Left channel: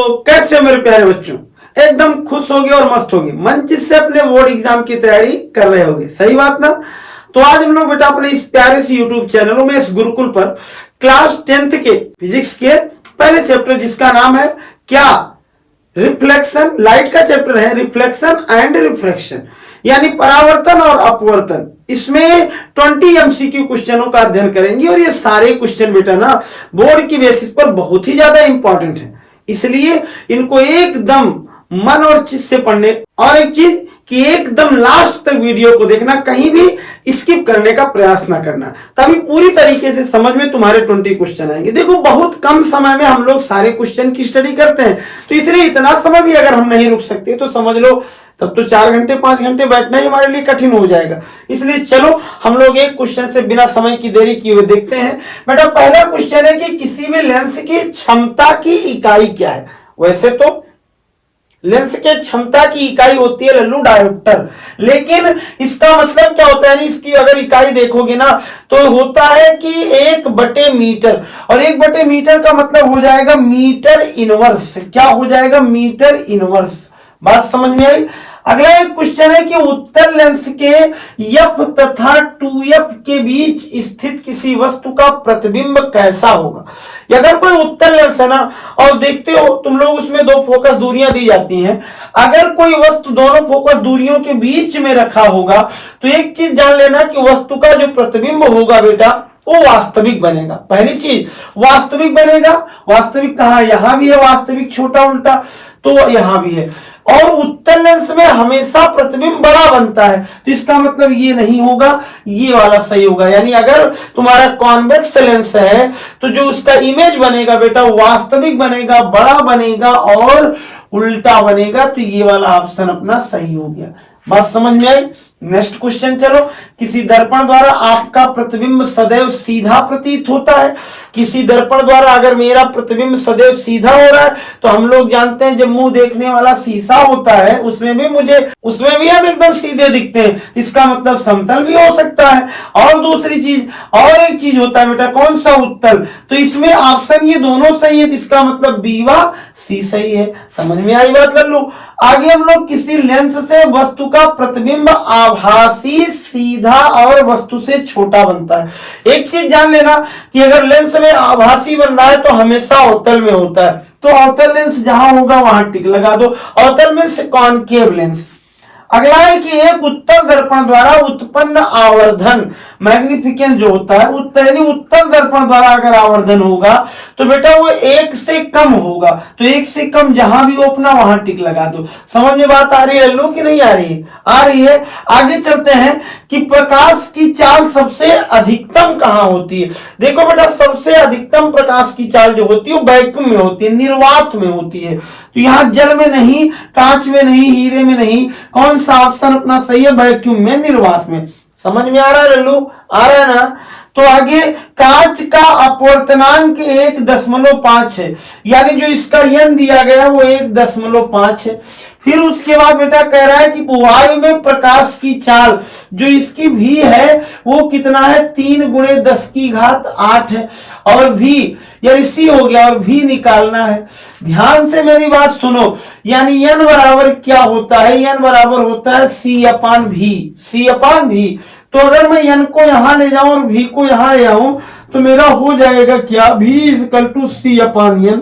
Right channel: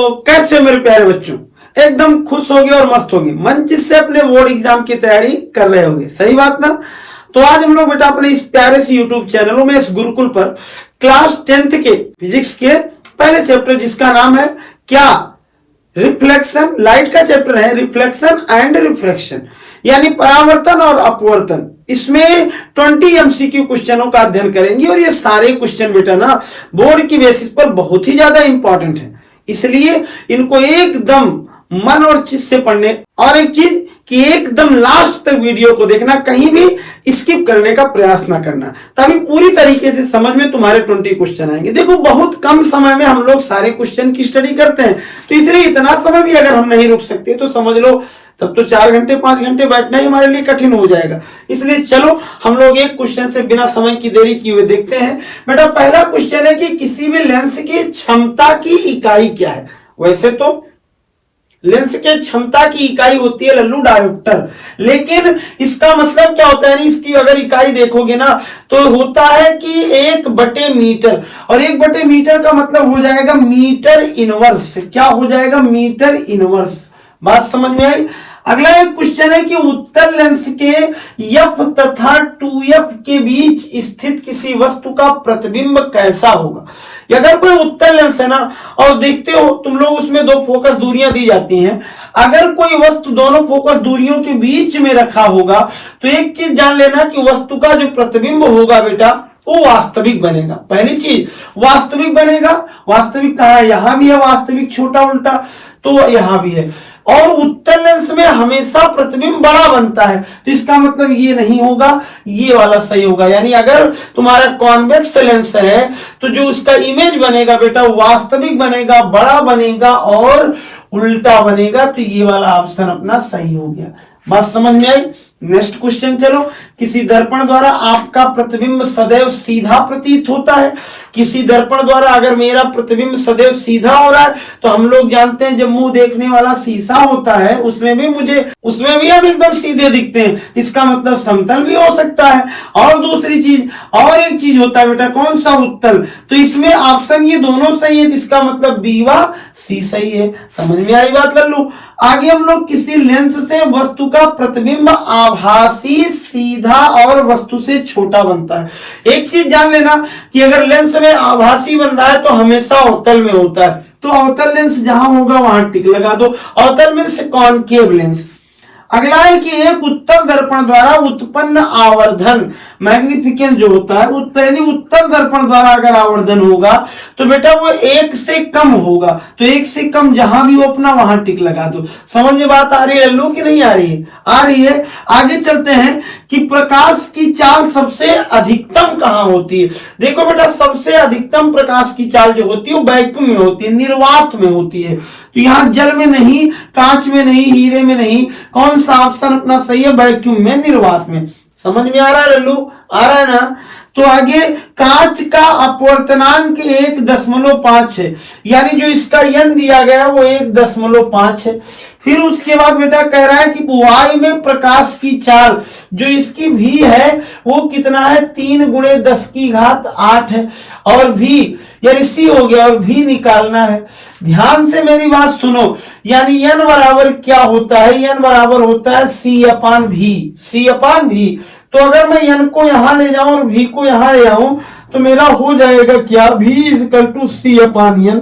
तो कैसे हो मेरे प्यारे बच्चों, एकदम खुश होगे और मस्त होगे, मन चित से अपने बोर्ड एग्जाम की तैयारी कर रहे होगे, सही बात ना। तो आज हम लोग बेटा अपने इस प्यारे से यूट्यूब चैनल में इस गुरुकुल पर क्लास 10th के फिजिक्स के पहले चैप्टर जिसका नाम है क्या, रिफ्लेक्शन, लाइट का चैप्टर है रिफ्लेक्शन एंड रिफ्रैक्शन, यानी परावर्तन और अपवर्तन। इसमें 20 एमसीक्यू क्वेश्चनों का अध्ययन करेंगे और ये सारे क्वेश्चन बेटा ना बोर्ड की बेसिस पर बहुत ही ज्यादा इंपॉर्टेंट है, इसलिए इनको एकदम मन और चित्त से पढ़ने। और एक चीज कि एकदम लास्ट तक वीडियो को देखना, कहीं भी स्किप करने का प्रयास ना करना, तभी पूरी तरीके से समझ में तुम्हारे 20 क्वेश्चन आएंगे। देखो बहुत कम समय में हम लोग सारे क्वेश्चन की स्टडी करते हैं, तो इसलिए इतना समय भी अगर हम नहीं रुक सकते तो समझ लो तब तो 4 घंटे 5 घंटे बैठना ही हमारे लिए कठिन हो जाएगा। इसलिए चलो हम लोग एक क्वेश्चन से बिना समय की देरी किए हुए देखते हैं। बेटा पहला क्वेश्चन है कि किसी भी लेंस की क्षमता की इकाई क्या है। वैसे तो लेंस के क्षमता की इकाई होती है लल्लू डायोप्टर, लेकिन इसका मतलब क्या होता है, इसकी अगर इकाई देखोगे ना तो होता है कि 1/मीटर, और 1/मीटर का मतलब हो जाएगा मीटर इनवर्स। क्या हो जाएगा, मीटर इनवर्स। बात समझ में आई। अगला एक क्वेश्चन है कि उत्तल लेंस के F तथा 2F के बीच स्थित किसी वस्तु का प्रतिबिंब कैसा होगा। अगर कोई उत्तल लेंस है ना और देखते हो तुम लोग उसमें 2 फोकस दूरियां दी जाती हैं, अगर कोई वस्तु दोनों फोकस दूरियों के बीच में रखा होगा तो एक चीज जान लेना कि वस्तु का जो प्रतिबिंब होगा बेटा वो वास्तविक बनेगा। पहली चीज वास्तविक बनेगा। वास्तविक कहां, यहां भी है वास्तविक, छोटा उल्टा तो यहां भी है। और उत्तल लेंस में हमेशा प्रतिबिंब बड़ा बनता है, तो इसका मतलब ये नहीं होगा, ये वाला सही होगा। यानी अगर तुम्हारा कॉन्वेक्स लेंस है तो जो उसका इमेज बनेगा बेटा वास्तविक बनेगा, बड़ा बनेगा और उल्टा बनेगा, तो ये वाला ऑप्शन अपना सही हो गया। बात समझ में आई। नेक्स्ट क्वेश्चन चलो, किसी दर्पण द्वारा आपका प्रतिबिंब सदैव सीधा प्रतीत होता है। किसी दर्पण द्वारा अगर मेरा प्रतिबिंब सदैव सीधा हो रहा है तो हम लोग जानते हैं जब मुंह देखने वाला शीशा होता है उसमें भी हम एकदम सीधे दिखते हैं, इसका मतलब समतल भी हो सकता है। और दूसरी चीज और एक चीज होता है बेटा, कौन सा, उत्तल, तो इसमें ऑप्शन ये दोनों सही है, इसका मतलब बी व सी सही है। समझ में आई बात लल्लू। आगे हम लोग किसी लेंस से वस्तु का प्रतिबिंब आभासी, सीधा और वस्तु से छोटा बनता है। एक चीज जान लेना कि अगर लेंस में आभासी बन रहा है तो हमेशा अवतल में होता है, तो अवतल लेंस जहां होगा वहां टिक लगा दो। अवतल मींस कॉनकेव लेंस। अगला है कि एक उत्तल दर्पण द्वारा उत्पन्न आवर्धन, मैग्निफिकेंस जो होता है उत्तल दर्पण द्वारा अगर आवर्धन होगा तो बेटा वो 1 से कम होगा, तो 1 से कम जहां भी हो अपना वहां टिक लगा दो। समझ में बात आ रही है लल्लू कि नहीं आ रही है? आ रही है। आगे चलते हैं कि प्रकाश की चाल सबसे अधिकतम कहां होती है। देखो बेटा सबसे अधिकतम प्रकाश की चाल जो होती है वो वैक्यूम में होती है, निर्वात में होती है। तो यहाँ जल में नहीं, कांच में नहीं, हीरे में नहीं, कौन सा ऑप्शन अपना सही है, वैक्यूम में, निर्वात में। समझ में आ रहा है लल्लू, आ रहा है ना। तो आगे कांच का अपवर्तनांक 1.5 है, यानी जो इसका यन दिया गया वो 1.5 है। फिर उसके बाद बेटा कह रहा है कि वायु में प्रकाश की चाल जो इसकी भी है वो कितना है, 3 × 10⁸ है। और भी यानी सी हो गया और भी निकालना है। ध्यान से मेरी बात सुनो, यानी n बराबर क्या होता है, n बराबर होता है C/V। तो अगर मैं n को यहां ले जाऊं और v को यहां ले आऊं तो मेरा हो जाएगा क्या, v = C/n।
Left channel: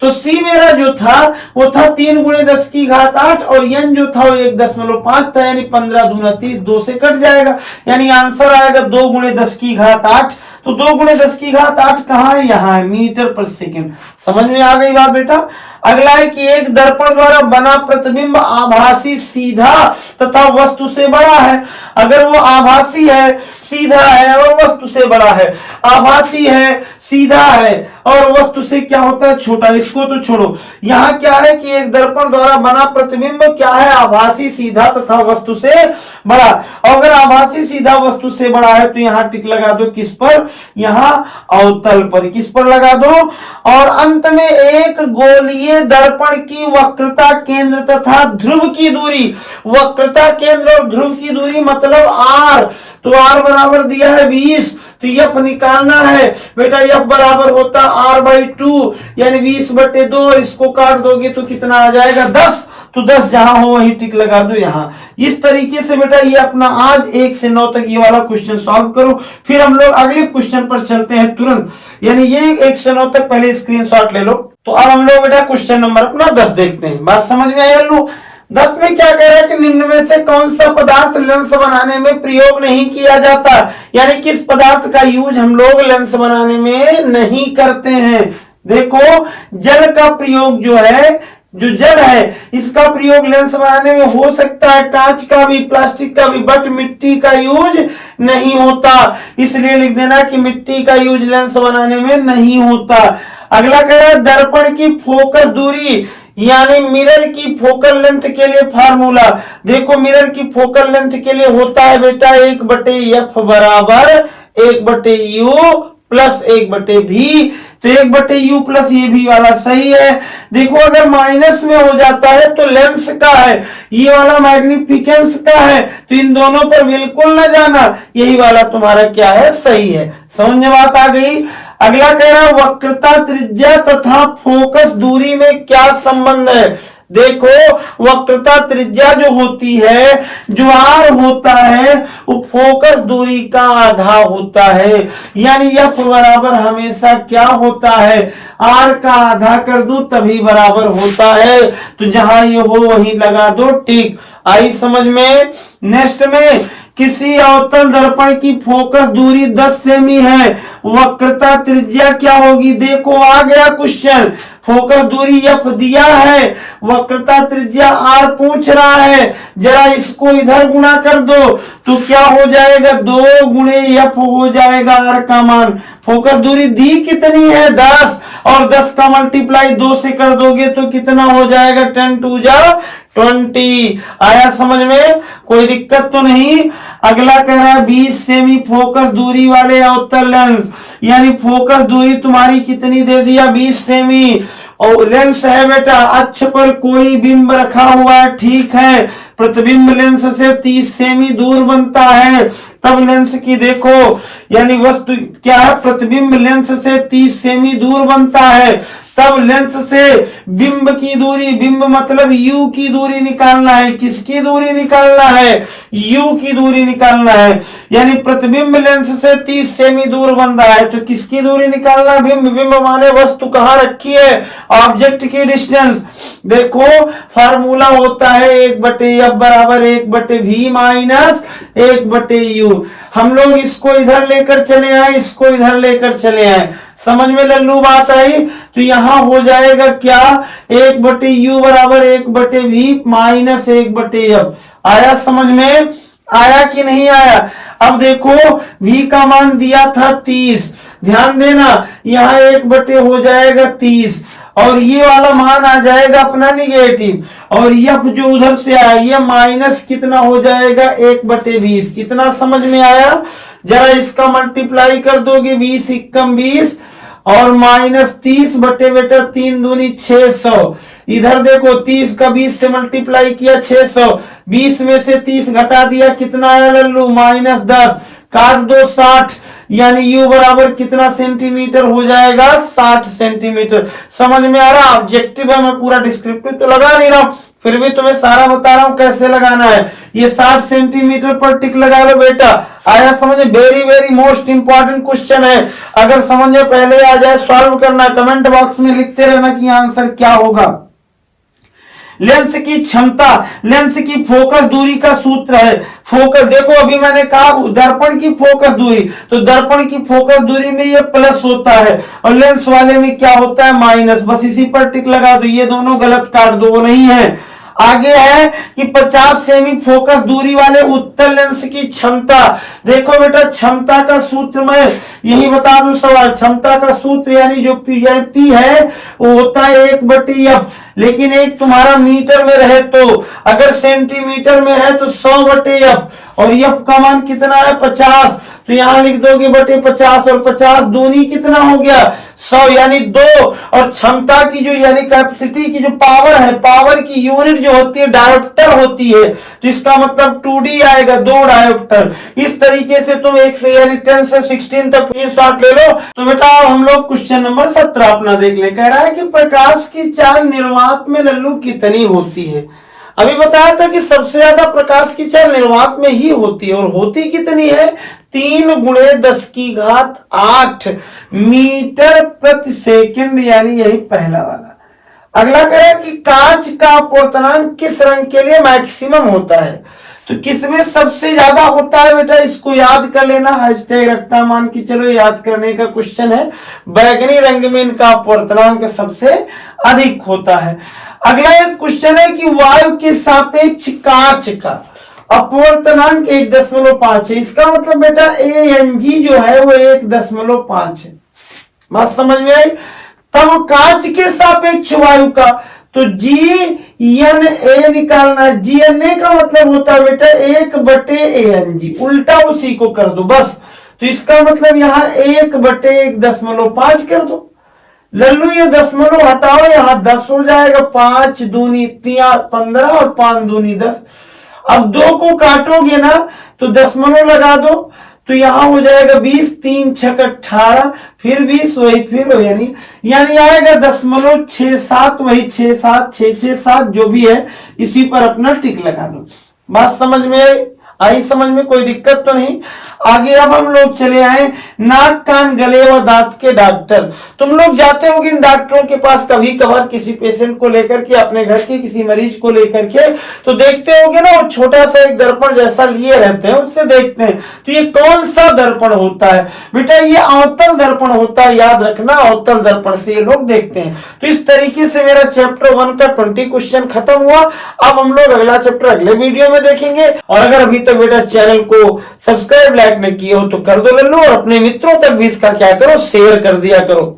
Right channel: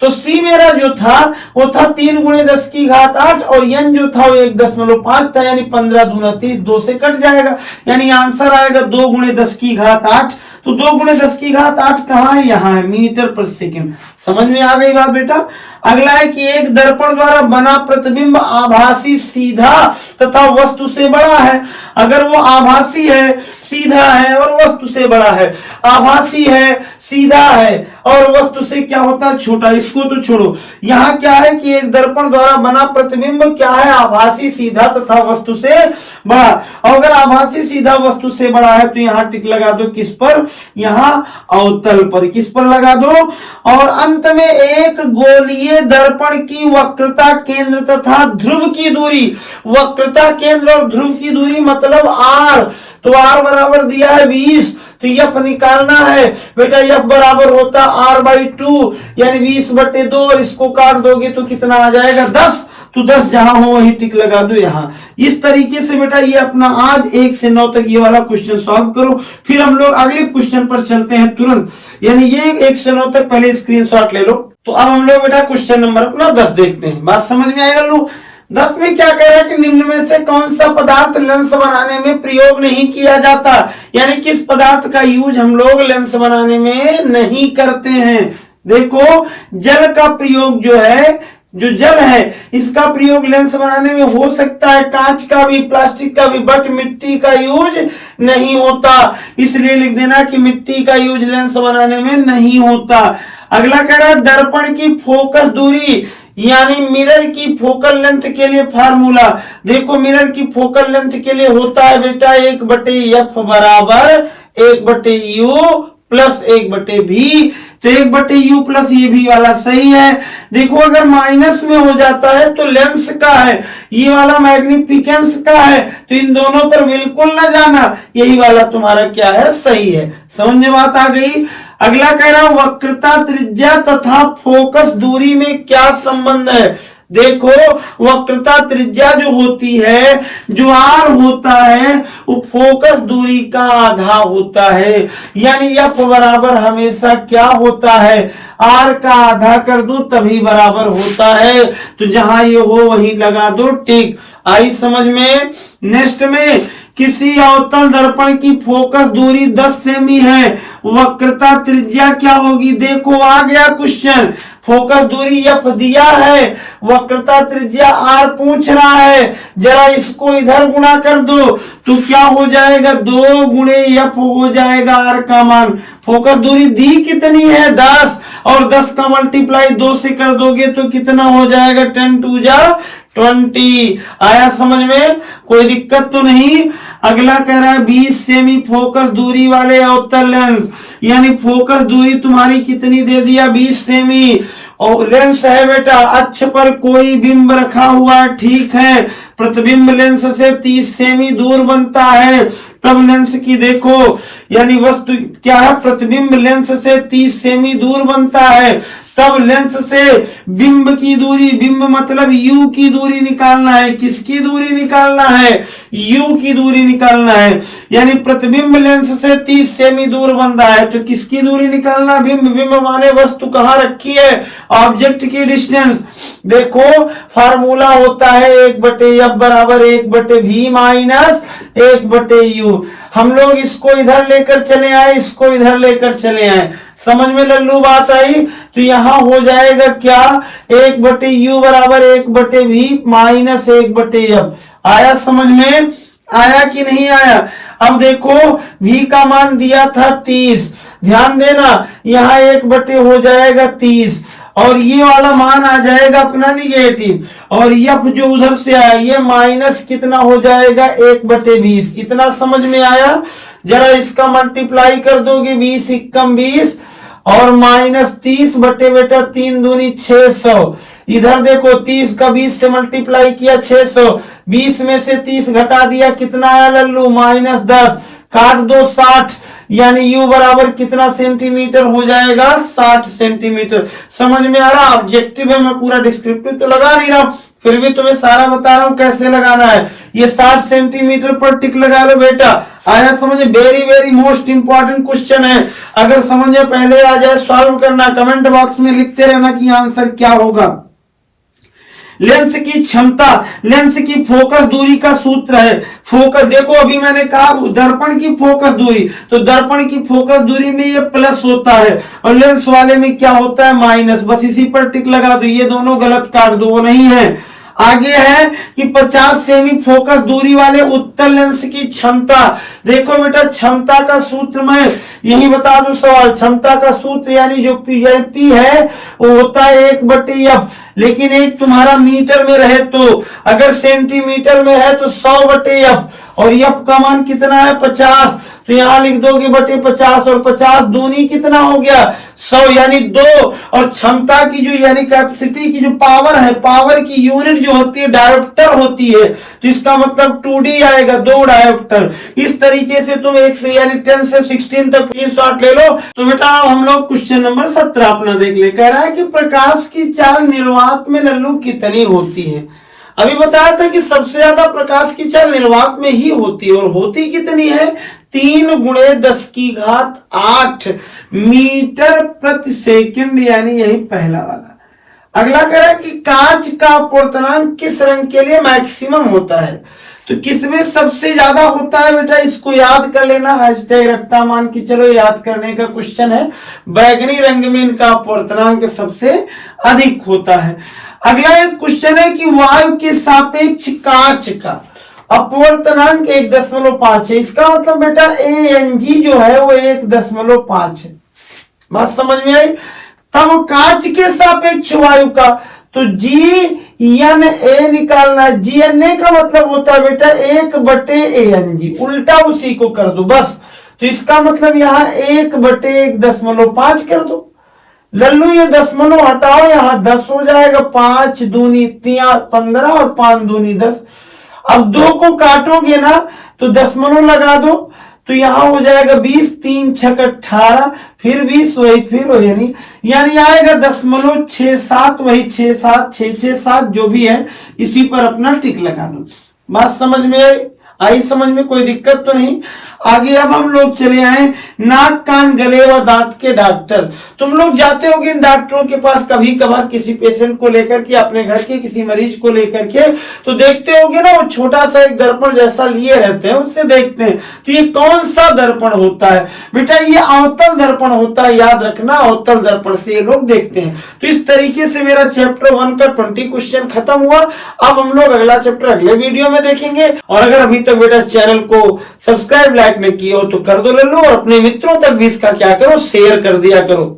तो C मेरा जो था वो था 3 × 10⁸ और n जो था वो 1.5 था, यानी 15 दूना 30, 2 से कट जाएगा, यानी आंसर आएगा 2 × 10⁸। तो 2 × 10⁸ कहां है, यहां है, मीटर पर सेकंड। समझ में आ गई बात बेटा। अगला है कि एक दर्पण द्वारा बना प्रतिबिंब आभासी, सीधा तथा वस्तु से बड़ा है। अगर वो आभासी है, सीधा है और वस्तु से बड़ा है, आभासी है, सीधा है और वस्तु से क्या होता है, छोटा, इसको तो छोड़ो। यहाँ क्या है कि एक दर्पण द्वारा बना प्रतिबिंब क्या है, आभासी, सीधा तथा वस्तु से बड़ा। और अगर आभासी, सीधा, वस्तु से बड़ा है तो यहाँ टिक लगा दो, किस पर, यहाँ अवतल पर, किस पर लगा दो। और अंत में एक गोलीय दर्पण की वक्रता केंद्र तथा ध्रुव की दूरी, वक्रता केंद्र और ध्रुव की दूरी मतलब r, तो r बराबर दिया है 20, तो एफ निकालना है बेटा। एफ बराबर होता r/2 यानी 20/2 और इसको काट दोगे तो कितना आ जाएगा 10। तो 10 जहां हो वहीं टिक लगा दो यहां। इस तरीके से बेटा ये अपना आज 1 से 9 तक ये वाला क्वेश्चन सॉल्व करो। फिर हम लोग अगले क्वेश्चन पर चलते हैं तुरंत, यानी ये 1 से 9 तक पहले स्क्रीनशॉट ले लो। तो अब हम लोग बेटा क्वेश्चन नंबर अपना 10 देखते हैं। बात समझ में आया लो। 10 में क्या कह रहा है कि निम्न में से कौन सा पदार्थ लेंस बनाने में प्रयोग नहीं किया जाता, यानी किस पदार्थ का यूज हम लोग लेंस बनाने में नहीं करते हैं। देखो जल का प्रयोग जो है, जो जल है इसका प्रयोग लेंस बनाने में हो सकता है, कांच का भी, प्लास्टिक का भी, बट मिट्टी का यूज नहीं होता। इसलिए लिख देना कि मिट्टी का यूज लेंस बनाने में नहीं होता। अगला कह रहा है दर्पण की फोकस दूरी यानी मिरर की फोकल लेंथ के लिए फार्मूला। देखो मिरर की फोकल लेंथ के लिए होता है बेटा 1/f बराबर 1/u प्लस 1/v। तो 1/u प्लस ये भी वाला सही है। देखो अगर माइनस में हो जाता है तो लेंस का है, ये वाला मैग्निफिकेंस का है, तो इन दोनों पर बिल्कुल ना जाना, यही वाला तुम्हारा क्या है सही है। समझ में बात आ गई। अगला कह रहा है वक्रता त्रिज्या तथा फोकस दूरी में क्या संबंध है। देखो वक्रता त्रिज्या जो होती है, जो आर होता है वो फोकस दूरी का आधा होता है, यानी एफ बराबर हमेशा क्या होता है आर का आधा कर दो तभी बराबर होता है। तो जहां ये हो वहीं लगा दो टिक। आई समझ में। नेक्स्ट में किसी अवतल दर्पण की फोकस दूरी 10 सेमी है, वक्रता त्रिज्या क्या होगी। देखो आ गया क्वेश्चन, फोकस दूरी एफ दिया है, वक्रता त्रिज्या आर पूछ रहा है, जरा इसको इधर गुणा कर दो तो क्या हो जाएगा 2 गुणे एफ हो जाएगा आर का मान। फोकस दूरी दी कितनी है 10 और 10 का मल्टीप्लाई 2 से कर दोगे तो कितना हो जाएगा 10 2 जा 20। आया समझ में, कोई दिक्कत तो नहीं। अगला कह रहा है 20 सेमी फोकस दूरी वाले अवतल लेंस, यानी फोकस दूरी तुम्हारी कितनी दे दिया 20 सेमी। और लेंस है बेटा अक्ष पर कोई बिंब रखा हुआ है, ठीक है, प्रतिबिंब लेंस से 30 सेमी दूर बनता है, तब लेंस की देखो यानी वस्तु क्या है प्रतिबिंब लेंस से 30 सेमी दूर बनता है, तब लेंस से बिंब की दूरी, बिंब मतलब यू की दूरी निकालना है। किसकी दूरी निकालना है यू की दूरी निकालना है, यानी प्रतिबिंब लेंस से 30 सेमी दूर बन रहा है तो किसकी दूरी निकालना बिंब। बिंब माने वस्तु कहाँ रखी है, ऑब्जेक्ट की डिस्टेंस। देखो फार्मूला होता है 1/f बराबर 1/v माइनस 1/u। हम लोग इसको इधर लेकर चले आए, इसको इधर लेकर चले आए, समझ में लल्लू बात आई। तो यहां हो जाएगा क्या 1/u बराबर 1/v माइनस 1/f। आया समझ में, आया कि नहीं आया। अब देखो v का मान दिया था 30, ध्यान देना यहाँ 1/, हो जाएगा 30 और ये वाला मान आ जाएगा अपना निगेटिव, और एफ जो उधर से आया ये माइनस कितना हो जाएगा 1/20। इतना समझ में आया। जरा इसका मल्टीप्लाई कर दोगे 20 × 20 और माइनस 30 बटे बेटा 3 दूनी 600। इधर देखो 30 का 20 से मल्टीप्लाई किया 600, 20 में से 30 घटा दिया कितना आया लल्लू -10, काट दो 60, यानी यू बराबर कितना सेंटीमीटर हो जाएगा 60 सेंटीमीटर। समझ में आ रहा। ऑब्जेक्टिव है, मैं पूरा डिस्क्रिप्टिव तो लगा नहीं रहा हूं, फिर भी तुम्हें सारा बता रहा हूं कैसे लगाना है। ये 60 सेंटीमीटर पर टिक लगा लो बेटा। आया समझ में, very very most important question है। अगर समझ में पहले आ जाए सॉल्व करना, कमेंट बॉक्स में लिखते रहना कि आंसर क्या होगा। लेंस की क्षमता, लेंस की फोकस दूरी का सूत्र है। फोकस देखो अभी मैंने कहा दर्पण की फोकस दूरी, तो दर्पण की फोकस दूरी में ये प्लस होता है और लेंस वाले में क्या होता है माइनस। बस इसी पर टिक लगा दो, ये दोनों गलत काट दो, वो नहीं है। आगे है कि 50 सेमी फोकस दूरी वाले उत्तल लेंस की क्षमता। देखो बेटा क्षमता का सूत्र मैं यही बता दूं सवाल, क्षमता का सूत्र यानी जो पी है वो होता है 1/f, लेकिन एक तुम्हारा मीटर में रहे तो, अगर सेंटीमीटर में है तो 100/f और f का मान कितना है 50, तो यहाँ लिख दोगे बटे 50 और 50 दूनी कितना हो गया 100 यानी 2। और क्षमता की जो यानी कैपेसिटी की जो पावर है, पावर की यूनिट जो होती है डायोप्टर होती है, तो इसका मतलब 2D आएगा, 2 डायोप्टर। इस तरीके से तुम 1 से यानी 10 से 16 तक ये शॉर्ट ले लो। तो बेटा हम लोग क्वेश्चन नंबर 17 अपना देख ले। कह रहा है कि प्रकाश की चाल निर्वात में लल्लू कितनी होती है। अभी बताया था कि सबसे ज्यादा प्रकाश की चाल निर्वात में ही होती है, और होती कितनी है 3 × 10⁸ मीटर प्रति सेकंड, यानी यही पहला वाला। अगला कह रहा है कि कांच का अपवर्तनांक किस रंग के लिए मैक्सिमम होता है। तो किसमें सबसे ज्यादा होता है बेटा, इसको याद कर लेना, हैशटैग रट्टा मान के चलो, याद करने का क्वेश्चन है। बैगनी रंग में इनका अपवर्तनांक सबसे अधिक होता है। अगला एक क्वेश्चन है कि वायु के सापेक्ष कांच का अपवर्तनांक 1.5 है। इसका मतलब बेटा ANG जो है वो 1.5 है। बात समझ में आई। तब कांच के सापेक्ष वायु का तो GNA निकालना है। GNA का मतलब होता है बेटा 1/ANG, उल्टा उसी को कर दो बस। तो इसका मतलब यहाँ 1/1.5 कर दो। लल्लू ये दशमलव हटाओ, यहाँ 10 हो जाएगा। 5 दूनी 15 और 5 दूनी 10। अब 2 को काटोगे ना तो दशमलव लगा दो, तो यहाँ हो जाएगा 20, 3 × 6 = 18, फिर 20 वही फिर हो, यानी आएगा 0.67, वही 6 7 6 6 7 जो भी है, इसी पर अपना टिक लगा दो। बात समझ में आई समझ में, कोई दिक्कत तो नहीं। आगे अब हम लोग चले आए नाक कान गले व दांत के डॉक्टर। तुम लोग जाते होगे इन डॉक्टरों के पास कभी कभार किसी पेशेंट को लेकर के, अपने घर के किसी मरीज को लेकर के, तो देखते होगे ना वो छोटा सा एक दर्पण जैसा लिए रहते हैं, उससे देखते हैं। तो ये कौन सा दर्पण होता है बेटा, ये अवतल दर्पण होता है, याद रखना, अवतल दर्पण से ये लोग देखते हैं। तो इस तरीके से मेरा चैप्टर 1 का 20 क्वेश्चन खत्म हुआ। अब हम लोग अगला चैप्टर अगले वीडियो में देखेंगे। और अगर अभी तक बेटा चैनल को सब्सक्राइब लाइक नहीं किए हो तो कर दो लल्लू, और अपने मित्रों तक भी इसका क्या करो, शेयर कर दिया करो।